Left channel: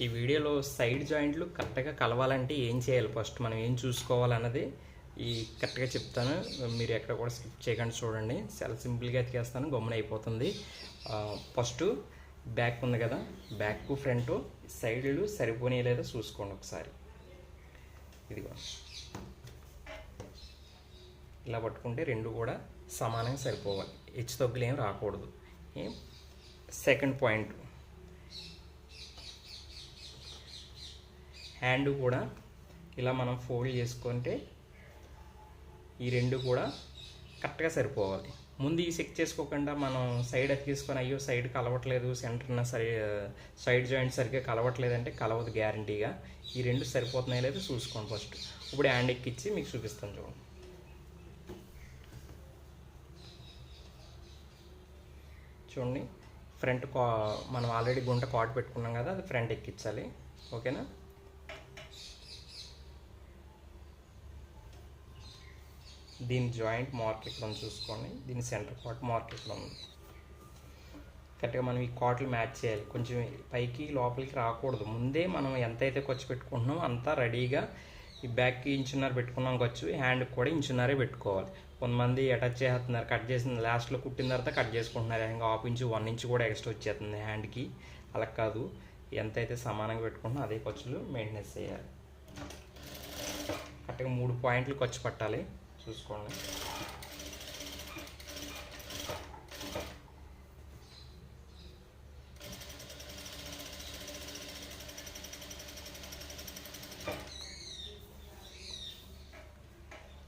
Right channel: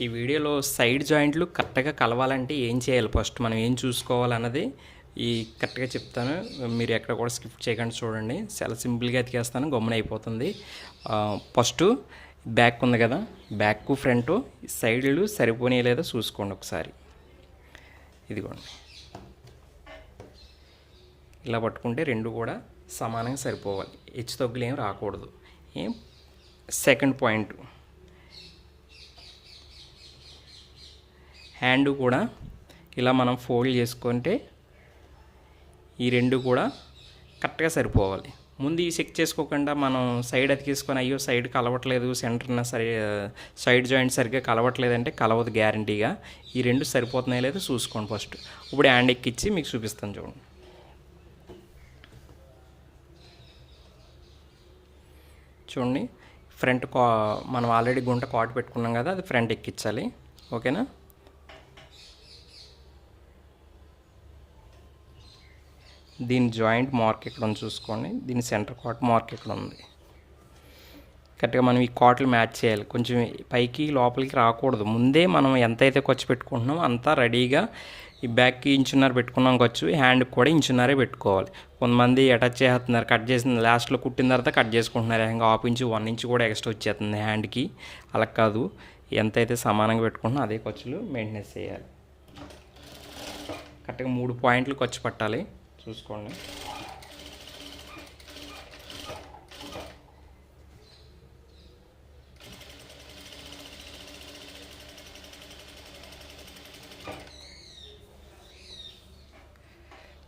ఈ వీడియోలో సైడ్ జాయింట్లు కరెక్ట్గా కలవాలంటే ఏం చేయాలి? ఫస్ట్ మనం ఏం చూసుకోవాలన్నది ఈ కరెక్ట్గా చెప్తాను. మీరు ఎక్కడ కూడా స్కిప్ చేయకుండా చూడండి. చాలా సింపుల్గా ఎతికేస్తాను. గమ్మున అయిపోతుంది. ఫస్ట్ బ్యాక్ ఉంది కదా. బ్యాక్ ఫ్రంట్ సైడ్లు సరిపోనీ లేదా చూసుకోండి ఒకసారి. ఇదిగోండి. ఇలా పట్టుకుంటే రెండు కూడా సమానంగా సరిపోవాలి. హెచ్చు తగ్గులు ఏం రాకూడదు. ఏం? Second point. హ్యాండ్ కూడా ఇలా మనం ఫోల్డ్ చేసుకుంటే ఈ రెండు కూడా కరెక్ట్గా సరిపోవాలి. ముందు ఈ చెక్ చేసుకోకుండా మనం సైడ్ అతికేసుకొని అయ్యో సైడ్ కలవట్లేదు సెంటర్న సరి సైడ్ జాయింట్ సరిగ్గా కలవట్లేదంటే కలవదు గ్యారంటీగా. ఈ రెండు సరిపోతున్నాయో లేదో చూసుకోండి ఫస్ట్. ఇప్పుడు హ్యాండ్ ఎక్కిచ్చి మీకు చూపిస్తాను చూడండి. చూడండి ఫ్రంట్ కా మనం ఆల్రెడీ గుంట కాట్ పెట్టుకున్నాం కదా అది ఫ్రంట్ ఎక్కించాలి ఓకేనా? దీని జాయింట్ మార్క్ ఇక్కడ ఉంది చూసుకోండి. దీని సెంటర్ కాట్ మార్క్ ఇక్కడ ఉంది కరెక్ట్గా మనం ఈ కాట్లు మ్యాచ్ చేయాలి. కొంచెం పైకి లోపలికి రాకూడదు. ముందే మనం ఎంత అయితే ఖర్చు పెట్టుకుంటున్నామో అంతా రెడీగా ఈ బ్యాక్కి ఇంచున్నర పెట్టుకున్నాం ఖర్చు హ్యాండ్కి కూడా ఇంచున్నరే పెట్టుకోవాలి. కొంతమంది అటాచ్ చేస్తున్నారు కట్ చేసిన లాస్ట్లో కుట్టిన తర్వాత కట్ చేసుకుంటున్నారు. ఇంకా హాఫ్ ఇంచు వన్ ఇంచు కూడా ఎక్స్ట్రా వచ్చేస్తుంది హ్యాండ్కి. అలా కాదు. ఎంత అయితే సమానంగా పెట్టుకుంటున్నా అదే ఖర్చులు మెయింటెనెన్స్ చేయాలి. కరెక్ట్గా మూడు పాయింట్లు ఖర్చు పట్టాలి. చూసుకోండి.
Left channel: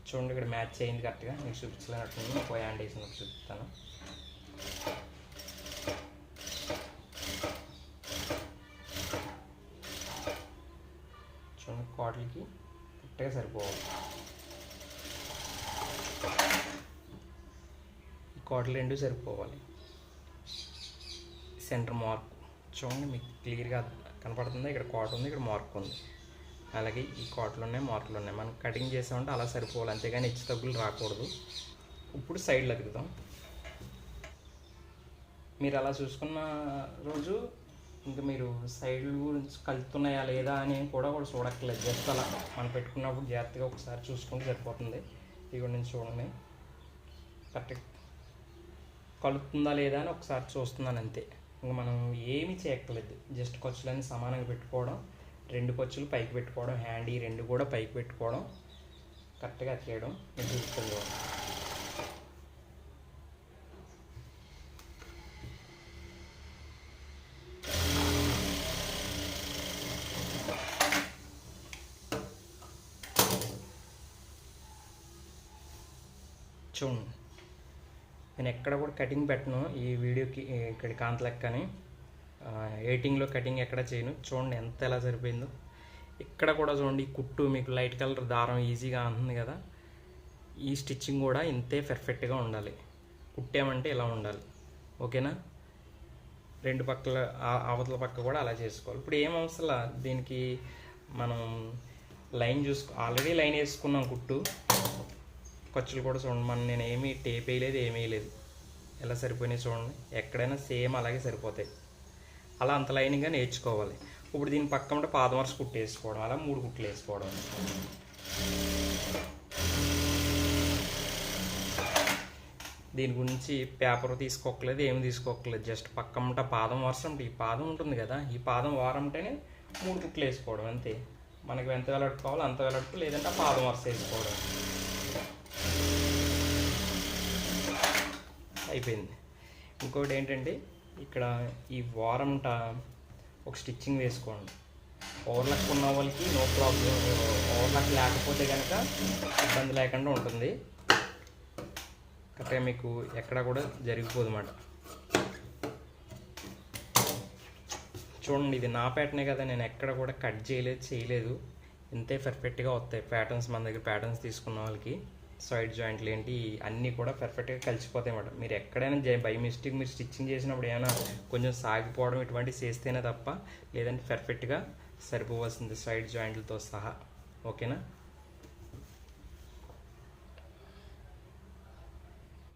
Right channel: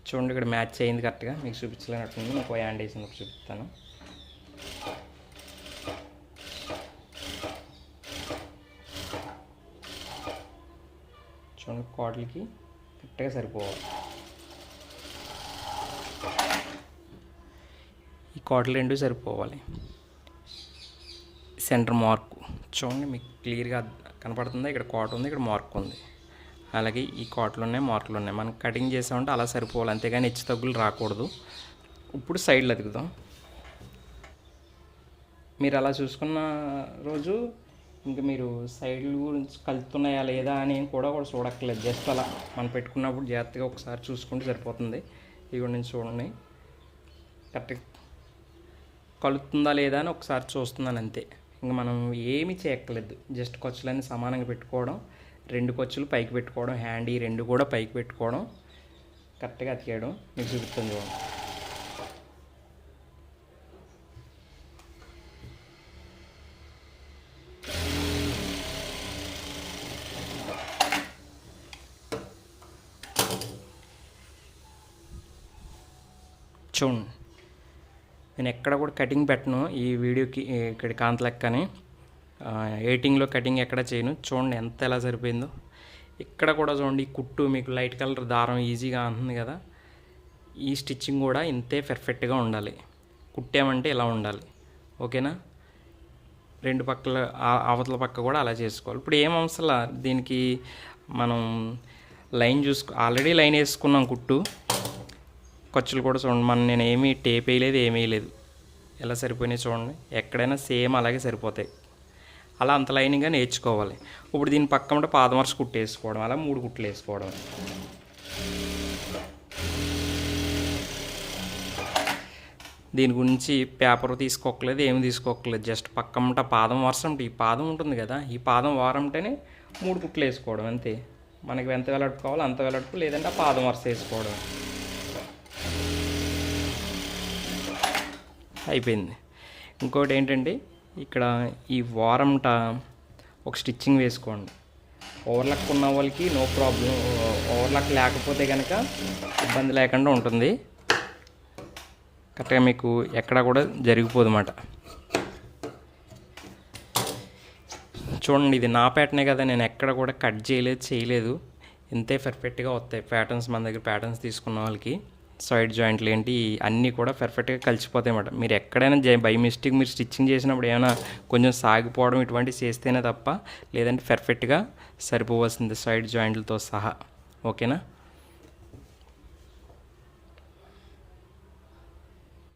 చూడండి ఇక్కడ మ్యాచ్ అయింది కరెక్ట్గా. మీకు చూపించలేనట్టుంది. నాకు హ్యాండ్ వేసి మీకు చూపిస్తాను. చూడండి కోటలకి కరెక్ట్గా సరిపోవాలి. కోటలు రెండు సరిపోవాలి. సెంటర్ మార్క్ చూడండి మీకు క్లియర్గా కనపడుతుంది? ఇక్కడ కోట ఉంది ఇక్కడ మార్క్ ఉంది. అలాగే ఈ కోటలు ఉన్నాయి మార్కులు ఉన్నాయి మనం కటింగ్ చేసామంటే అలా సరిపోవాలి అంతేగాని హెచ్చు తగ్గులు రాకూడదు. ఇప్పుడు సైడ్లు అతుకుదాం. మీరు అలా చూసుకున్న రోజు ఇంకా మీరు సైడ్లు కలుపుతున్నాయా లేదా అని కూడా కూడా చూడక్కర్లేదు. జస్ట్ అలా మనం పెట్టుకున్నప్పుడు జాగ్రత్తగా ఒకసారి చూసుకుంటే సరిపోతుంది. ఇవి నేను చూడండి. కరెక్ట్ కలుపుతుందా లేదా అని ఒకసారి చూస్తున్నాను అంతే. ఇంకా మనం ఏమీ చేయక్కర్లేదు. జస్ట్ ఖర్చులన్నీ సమానంగా పెట్టుకోవడం రెండు ఖర్చులు పైకి పెట్టుకోవడం హ్యాండ్ ఈ రెండు కూడా పైకి పెట్టుకోవడం కరెక్ట్గా అతికేయడం మీకు చూపుతుంది చూడండి. చూడండి. నేను ఎక్కడ కూడా కటింగ్ పెట్టను ఈ వీడియోకి ఇక్కడ కాంతలెక్కని. ఎయిటింగ్లో కటింగ్ ఎక్కడ చేయను. చూడండి ఎంత ఎలా సరిపోయిందో. ఇక్కడ కూడా చూడండి ఈ కుట్టు మీకు లైట్ కలర్ దారం ఈజీగా అంటుంది కదా. ఈ స్టిచ్చింగ్ కూడా ఇంతే పెర్ఫెక్ట్గా ఉండాలి. కుట్టామంటే ఇలా ఉండాలి. ఓకేనా రెండు పక్కల అవతల పక్క కూడా అలా చేసుకోవాలి. ఇప్పుడు ఏం అవసరం దీనికి మనం లైన్ చూసుకో ఆల్రెడీ లైన్ వేసుకున్నాం కుట్టు. ఖర్చులు కూడా చూడండి. మనం నేను ఏమీ టేప్ వేయలేదు ఏమీ వేయలేదు. ఎలా సరిపోయినాయి చూడండి. ఎక్కడైనా సేమ్ అలాగే సరిపోతాయి. అలా అంత లైనింగ్గా నేర్చుకోవాలి. ఇప్పుడు దీని పక్క ఉంటే పాదమర్శ కుట్టు వేసుకోవడం అలా మూడు కుట్లు వేసుకోవడం. దీని గురించి పేపర్ తీసుకోకలేదు ఏమి తీసుకోకలేదు జస్ట్ పక్కమట పాదం వరుస ఈ పాదం ఉంటుంది కదా ఈ పాదం వారంటేనే మూడు కుట్లు వేసుకోవడం అంతే. మనకి ఎంత వెలట్టుకోవాలో అంత వెలట్టు లేదంటే ఆ పాదం వరుస వేసుకోవడం. అయిపోయింది. ఇంకోటి ఏంటంటే ఇక్కడ ఈ వారంట ఒక స్టిచ్చింగ్ వేసుకోండి. ఓవర్లక్ ఉన్న వాళ్ళకి నో ప్రాబ్లం. ఓవర్లక్ లేకపోతే కనుక ఇబ్బంది లేకుండా ఉంటుంది. కరెక్ట్గా మీకు ఎక్కడ కూడా జరిగిపోదు అన్నమాట చూడండి ఇది నా ప్యాటర్నే కదా నేను ఎక్కడ కూడా కట్ చేయలేదు చేయలేదు. ఇంతే పర్ఫెక్ట్గా వస్తాయి. ప్యాటర్న్స్ మన దగ్గర ప్యాటర్న్స్ తీసుకున్న వాళ్ళకి. సైడ్ జాయింట్లు ఏంటి అన్నీ కూడా పర్ఫెక్ట్గా కలిసిపోతాయి అన్నమాట మీరు ఎక్కడైనా బై మిస్టేక్ మీరు స్టిచ్చింగ్ చేసినప్పుడు ఏమైనా కొంచెం సాగిపోవడం ఇటువంటివి చేస్తేనే తప్ప లేదంటే పర్ఫెక్ట్గా సరిపోవాల్సింది సైడ్ జాయింట్లతో సహా. ఓకేనా?